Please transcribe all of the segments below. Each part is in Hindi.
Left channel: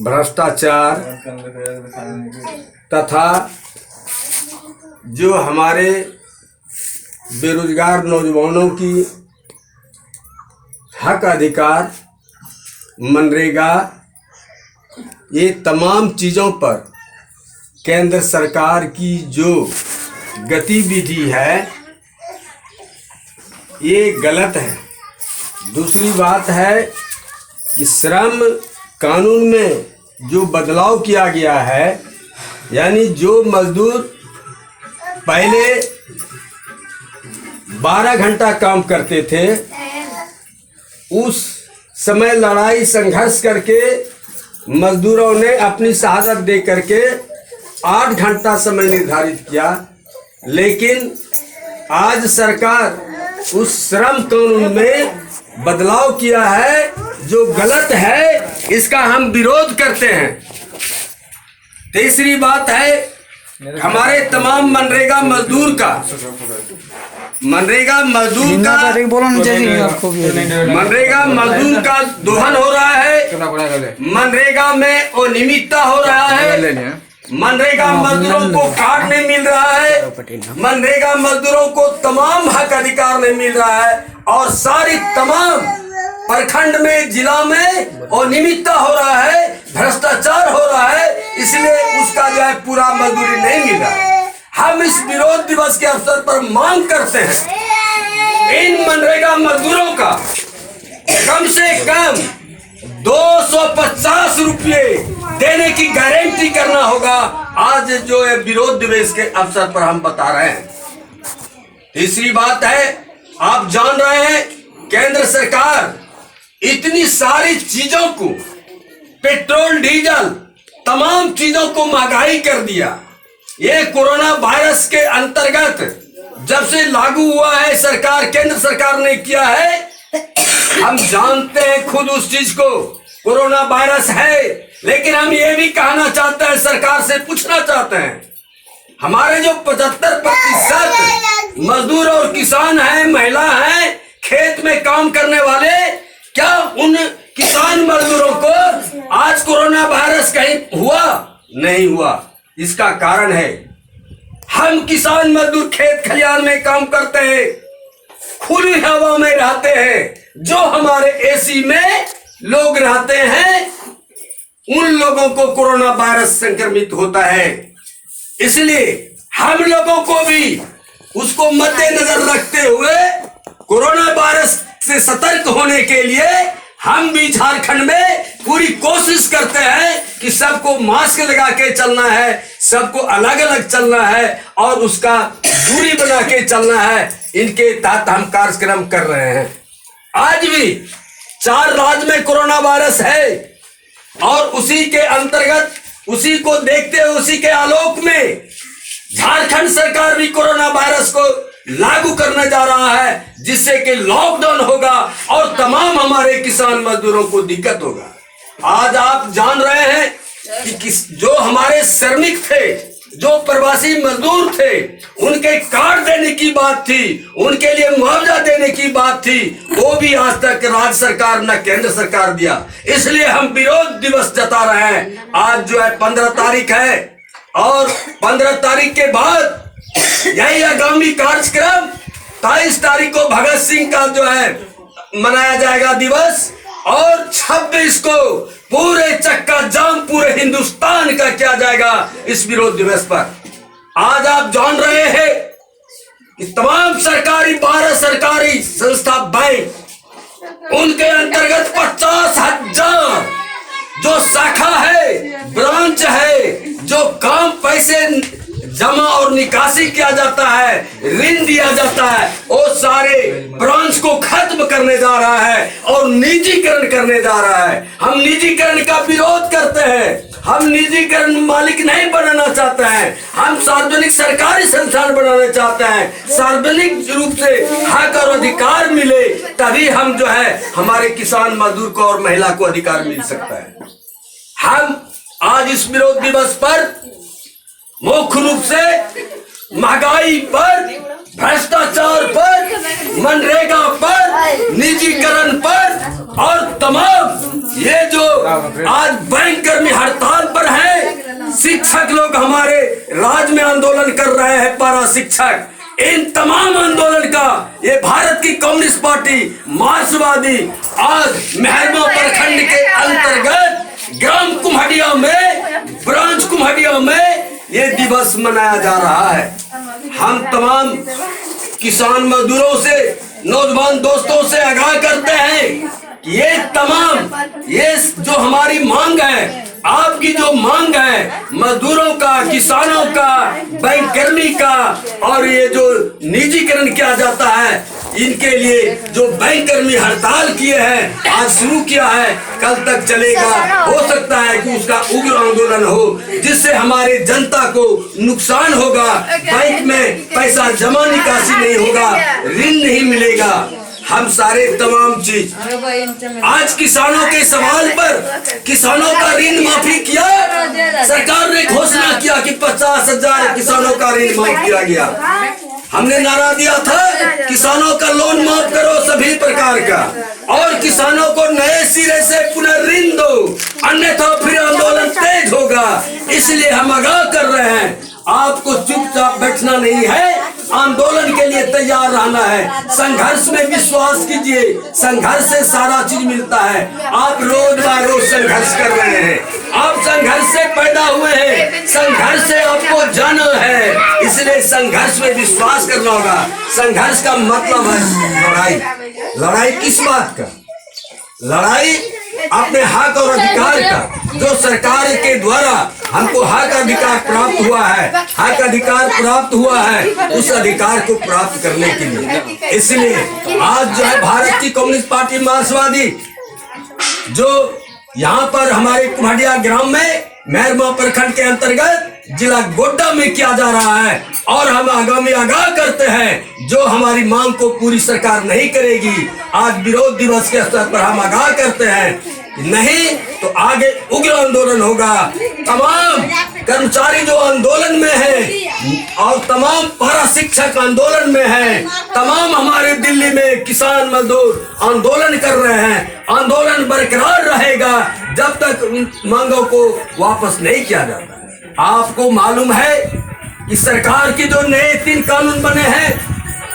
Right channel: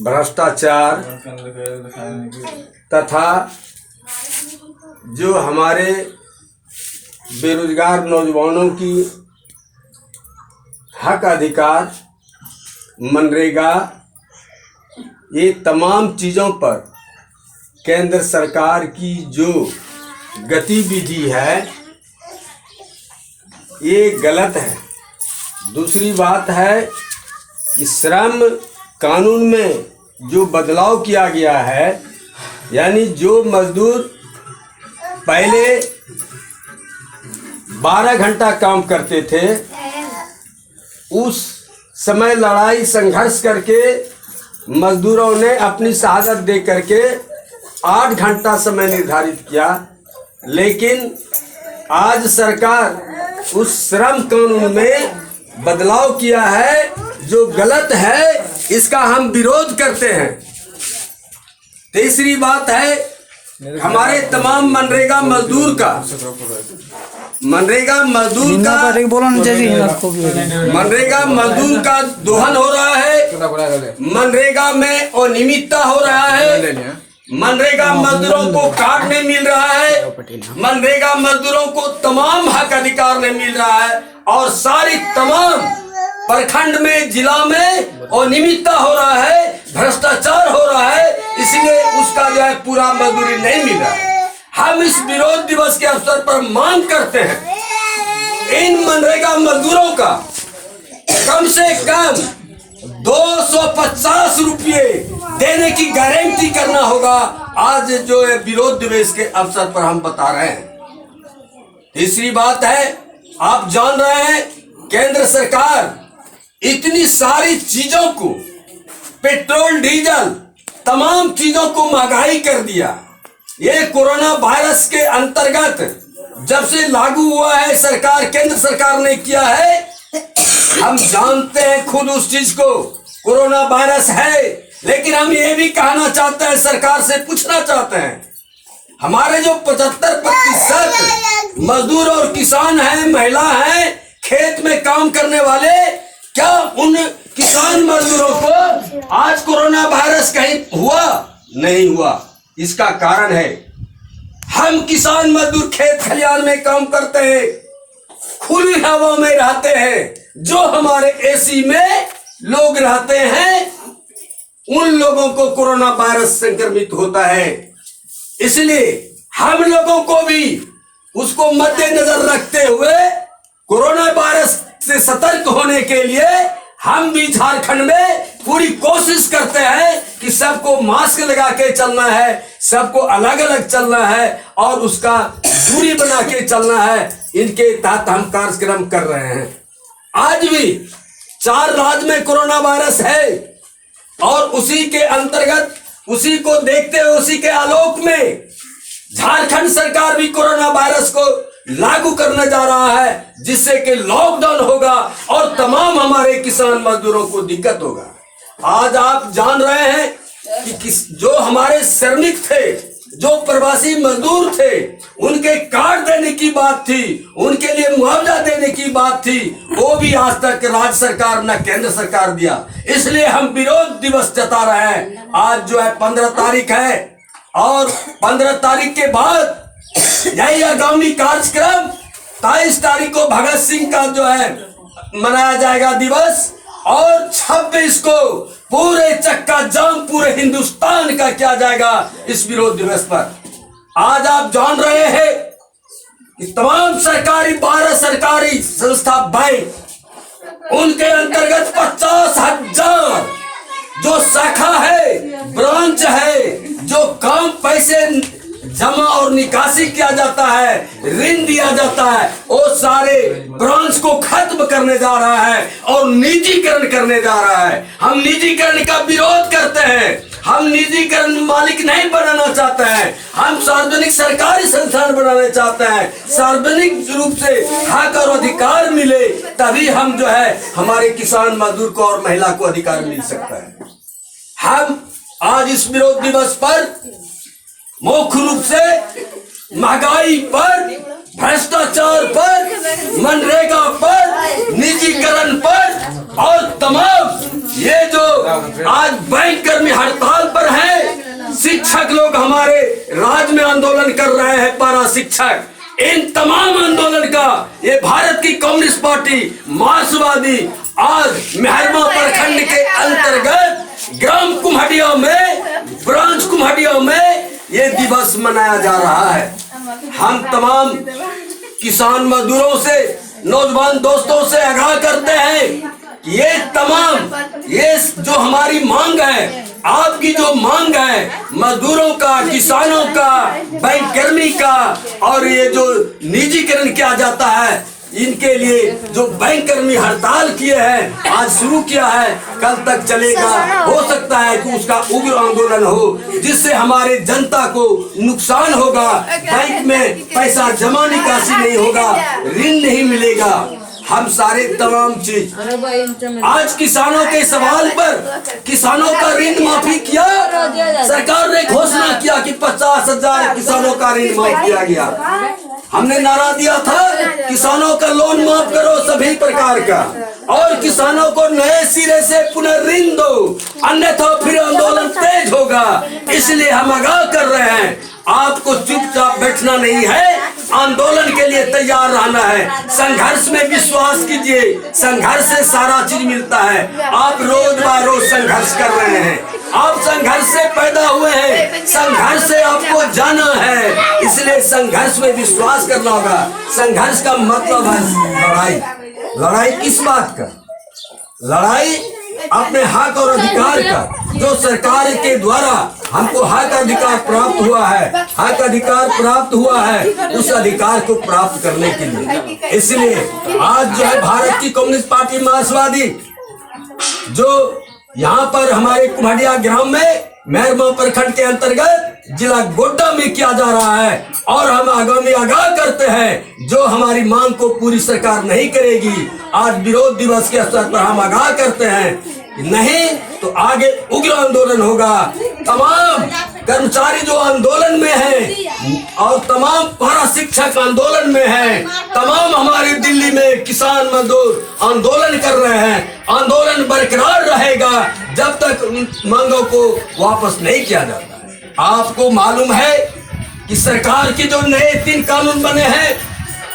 भ्रष्टाचार तथा जो हमारे बेरोजगार नौजवानों की हक अधिकार, मनरेगा, ये तमाम चीज़ों पर केंद्र सरकार की जो गतिविधि है ये गलत है। दूसरी बात है कि श्रम कानून में जो बदलाव किया गया है, यानी जो मजदूर पहले 12 घंटा काम करते थे, उस समय लड़ाई संघर्ष करके मजदूरों ने अपनी शहादत दे करके 8 घंटा समय निर्धारित किया। लेकिन आज सरकार उस श्रम कानून में बदलाव किया है जो गलत है, इसका हम विरोध करते हैं। तीसरी बात है हमारे तमाम मनरेगा मजदूर का दोहन हो रहा है, मनरेगा में अनियमितता हो रहा है, मनरेगा मजदूरों को कार्ड नहीं मिल रहा है, मनरेगा मजदूरों को तमाम हक अधिकार नहीं मिल रहा है और सारी तमाम प्रखंड में, जिला में अनियमितता हो रहा है, भ्रष्टाचार हो रहा है, इसलिए उसका जो है पूरा मजदूरी नहीं मिल रहा है। हम इस विरोध दिवस के अवसर पर मांग करते हैं इन मनरेगा मजदूरों का कम से कम 250 रुपये देने की गारंटी करना होगा। आज जो है विरोध दिवस के अवसर पर हम बता रहे हैं। तीसरी बात है, आप जान रहे हैं केंद्र सरकार इतनी सारी चीजों को, पेट्रोल डीजल तमाम चीजों को महंगाई कर दिया। ये कोरोना वायरस के अंतर्गत जब से लागू हुआ है सरकार, केंद्र सरकार ने किया है, हम जानते हैं खुद उस चीज को, कोरोना वायरस है। लेकिन हम ये भी कहना चाहते हैं, सरकार से पूछना चाहते हैं, हमारे जो 75% मजदूर और किसान हैं, महिला हैं, खेत में काम करने वाले, क्या उन किसान मजदूरों को आज कोरोना वायरस कहीं हुआ? नहीं हुआ। इसका कारण है हम किसान मजदूर खेत खलिहान में काम करते हैं, खुली हवा में रहते हैं। जो हमारे एसी में लोग रहते हैं उन लोगों को कोरोना वायरस संक्रमित होता है। इसलिए हम लोगों को भी उसको मद्देनजर रखते हुए कोरोना वायरस से सतर्क होने के लिए हम भी झारखंड में पूरी कोशिश करते हैं कि सबको मास्क लगा के चलना है, सबको अलग अलग चलना है और उसका दूरी बना के चलना है। इनके तहत हम कार्यक्रम कर रहे हैं। आज भी 4 राज्य में कोरोना वायरस है और उसी के अंतर्गत, उसी को देखते हुए, उसी के आलोक में झारखंड सरकार भी कोरोना वायरस को लागू करने जा रहा है, जिससे कि लॉकडाउन होगा और तमाम हमारे किसान मजदूरों को दिक्कत होगा। आज आप जान रहे हैं कि जो हमारे श्रमिक थे, जो प्रवासी मजदूर थे, उनके कार्ड देने की बात थी, उनके लिए मुआवजा देने की बात थी, वो भी आज तक राज्य सरकार न केंद्र सरकार दिया। इसलिए हम विरोध दिवस जता रहे हैं। आज जो है 15 तारीख है और 15 तारीख के बाद यही आगामी कार्यक्रम 23 तारीख को भगत सिंह का जो है मनाया जाएगा दिवस और 26 को पूरे चक्का जाम पूरे हिंदुस्तान का किया जाएगा इस विरोध दिवस पर। आज आप जान रहे हैं कि तमाम सरकारी 12 सरकारी संस्था बैंक, उनके अंतर्गत 50,000 जो शाखा है, ब्रांच है, जो काम पैसे जमा और निकासी किया जाता है, ऋण दिया जाता है, वो सारे ब्रांच को खत्म करने जा रहा है और निजीकरण करने जा रहा है। हम निजीकरण का विरोध करते हैं। हम निजीकरण मालिक नहीं बनाना चाहते हैं। हम सार्वजनिक सरकारी संस्थान बनाना चाहते हैं। सार्वजनिक रूप से हक और अधिकार मिले तभी हम जो है हमारे किसान मजदूर को और महिला को अधिकार मिल सकता है। हम आज इस विरोध दिवस पर मुख्य रूप से महंगाई पर भ्रष्टाचार पर, मनरेगा पर, निजीकरण पर और तमाम ये जो आज बैंक कर्मी हड़ताल पर हैं, शिक्षक लोग हमारे राज्य में आंदोलन कर रहे हैं, पारा शिक्षक, इन तमाम आंदोलन का ये भारत की कम्युनिस्ट पार्टी मार्क्सवादी आज मेहरमा प्रखंड के अंतर्गत ग्राम कुम्हड़िया में, ब्रांच कुम्हड़िया में ये दिवस मनाया जा रहा है। हम तमाम किसान मजदूरों से, नौजवान दोस्तों से आगाह करते हैं कि ये तमाम ये जो हमारी मांग है, आपकी जो मांग है मजदूरों का, किसानों का, बैंक कर्मी का और ये जो निजीकरण किया जाता है, इनके लिए जो बैंक कर्मी हड़ताल किए हैं, आज शुरू किया है, कल तक चलेगा। हो सकता है कि उसका उग्र आंदोलन हो जिससे हमारी जनता को नुकसान होगा, बैंक में पैसा जमा निकासी नहीं होगा, ऋण नहीं मिलेगा, हम सारे तमाम चीज। आज किसानों के सवाल पर किसानों का ऋण माफी किया, सरकार ने घोषणा किया कि 50,000 किसानों का ऋण माफ किया गया। हमने नारा दिया था किसानों का लोन माफ करो सभी प्रकार का और किसानों को नए सिरे से पुनः ऋण दो, अन्यथा फिर आंदोलन तेज होगा। इसलिए हम आगाह कर रहे हैं, आपको चुपचाप बैठना नहीं है, आंदोलन के लिए तैयार रहना है। संघर्ष में विश्वास कीजिए, संघर्ष से सारा चीज मिलता है। आप रोज बार रोज संघर्ष कर रहे हैं, आप संघर्ष से पैदा हुए हैं, संघर्ष से आपको जाना है, इसलिए संघर्ष में विश्वास करना होगा। संघर्ष का मतलब है लड़ाई। लड़ाई किस बात का? लड़ाई अपने हक और अधिकार का, जो सरकार के द्वारा हमको हक अधिकार प्राप्त हुआ है, हक अधिकार प्राप्त हुआ है, उस अधिकार को प्राप्त करने के लिए। इसलिए आज जो है भारत की कम्युनिस्ट पार्टी मार्क्सवादी जो यहाँ पर हमारे कुम्हड़िया ग्राम में मेहरमा प्रखंड के अंतर्गत जिला गोड्डा में किया जा रहा है, और हम आगामी आगाह करते हैं जो हमारी मांग को पूरी सरकार नहीं करेगी। आज विरोध दिवस के अवसर पर हम आगाह करते हैं, नहीं तो आगे उग्र आंदोलन होगा। तमाम कर्मचारी जो आंदोलन में है और तमाम पारा शिक्षक आंदोलन में है, तमाम हमारे दिल्ली में किसान मजदूर आंदोलन कर रहे हैं। आंदोलन बरकरार रहेगा जब तक मांगों को वापस नहीं किया जाता। आपको मालूम है कि सरकार की जो नए 3 कानून बने हैं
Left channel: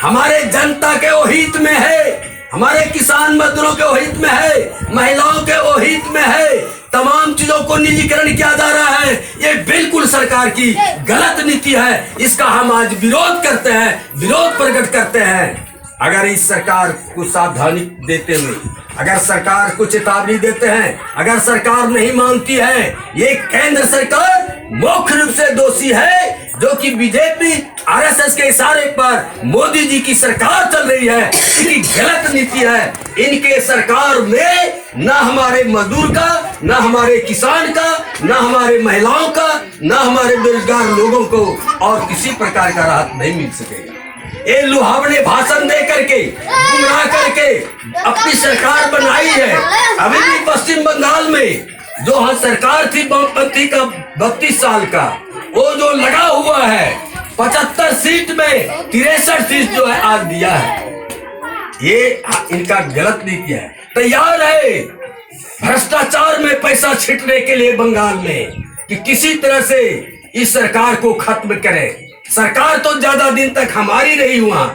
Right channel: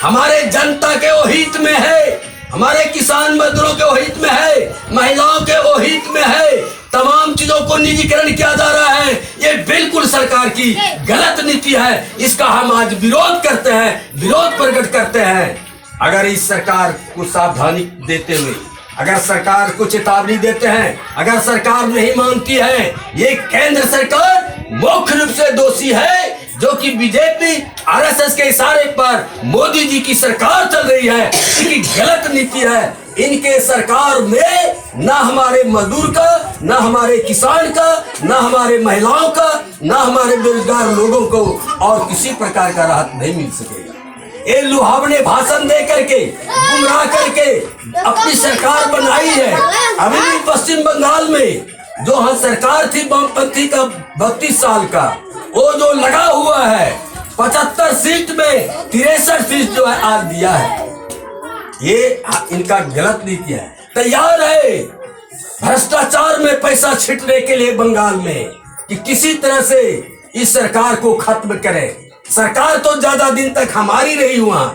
हमारे जनता के हित में है, हमारे किसान मजदूरों के हित में है, महिलाओं के हित में है। तमाम चीजों को निजीकरण किया जा रहा है, ये बिल्कुल सरकार की गलत नीति है। इसका हम आज विरोध करते हैं, विरोध प्रकट करते हैं। अगर इस सरकार को सावधानी देते हुए, अगर सरकार को चेतावनी देते हैं, अगर सरकार नहीं मानती है, ये केंद्र सरकार मुख्य रूप से दोषी है, जो कि बीजेपी आरएसएस के इशारे पर मोदी जी की सरकार चल रही है। इनकी गलत नीति है। इनके सरकार में न हमारे मजदूर का, न हमारे किसान का, न हमारे महिलाओं का, न हमारे बेरोजगार लोगों को और किसी प्रकार का राहत नहीं मिल सकेगा। ये लुभावने भाषण दे करके, गुमराह करके अपनी सरकार बनाई है। अभी भी पश्चिम बंगाल में जो हाँ सरकार थी वामपंथी का 32 साल का, वो जो लगा हुआ है 75 सीट में 63 सीट जो है आज दिया है। ये इनका गलत नीति है। तैयार है भ्रष्टाचार में पैसा छिटने के लिए बंगाल में कि किसी तरह से इस सरकार को खत्म करें। सरकार तो ज्यादा दिन तक हमारी रही, वहां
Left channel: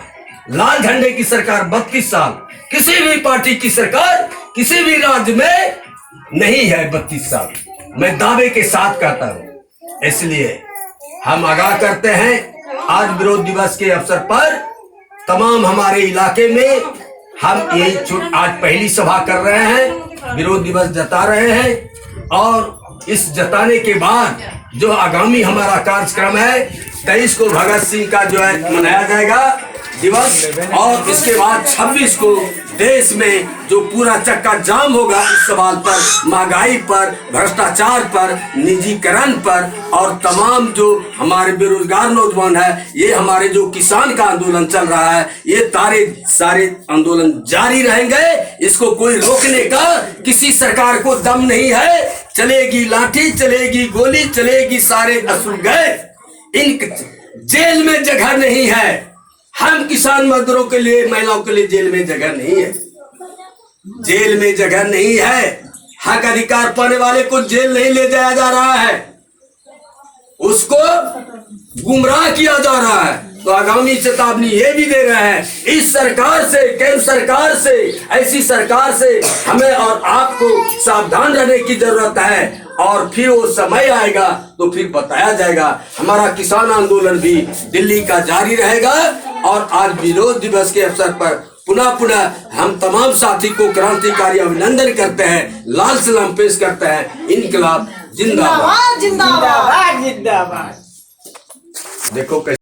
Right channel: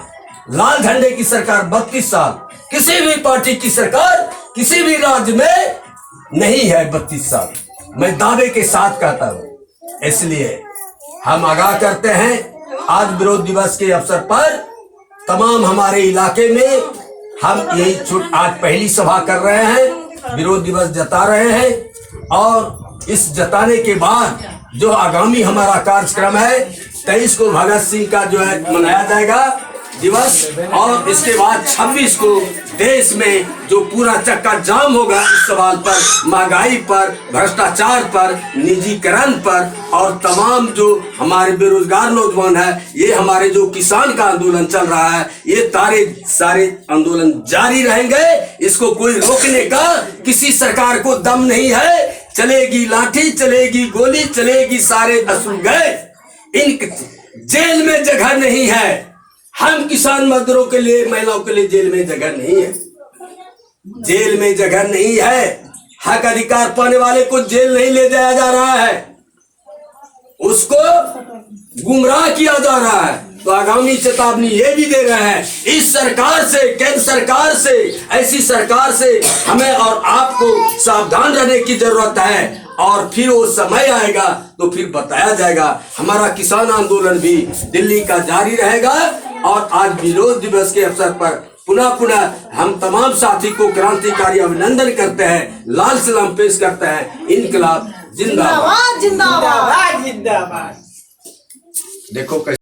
लाल झंडे की सरकार 32 साल, किसी भी पार्टी की सरकार किसी भी राज्य में नहीं है 32 साल, मैं दावे के साथ कहता हूं। इसलिए हम आगाह करते हैं, आज विरोध दिवस के अवसर पर तमाम हमारे इलाके में हम यही आज पहली सभा कर रहे हैं, विरोध दिवस जता रहे हैं। और इस जताने के बाद जो आगामी हमारा कार्यक्रम है 23 को भगत सिंह का जो है मनाया जाएगा दिवस, और इसके बाद 26 को देश में जो पूरा चक्का जाम होगा इस सवाल पर, महंगाई पर, भ्रष्टाचार पर, निजीकरण पर, और तमाम जो हमारे बेरोजगार नौजवान है, ये हमारे जो किसान का आंदोलन चल रहा है, ये सारे आंदोलन जारी रहेंगे। इसको कोई रोकने का किसी सरकार को दम नहीं है। चलेगी लाठी, चलेगी गोली, चलेगी सारे असुर गए, इन जेल में जगह नहीं है। हम किसान मजदूरों के लिए, महिलाओं के लिए जेल में जगह नहीं है, जेल में जगह नहीं है। हक अधिकार पाने वाले को जेल नहीं ले जाया जा रहा है, उसको गुमराह किया जा रहा है। तो आगामी चेतावनी ये भी दे रहे हैं, इस सरकार से, केंद्र सरकार से, ऐसी सरकार से हमें और आपको सावधान रहने की जरूरत है। और फिर वो समय आएगा तो फिर बताया जाएगा। हमारा किसान आंदोलन भी दिल्ली का जारी रहेगा। और आज विरोध दिवस के अवसर पर पुनः हम तमाम साथी को क्रांतिकारी अभिनंदन करते हैं, लाल सलाम पेश करते हैं। इनकलाब जिंदाबाद, जिंदाबाद जिंदाबाद जिंदाबाद। देखो कैसे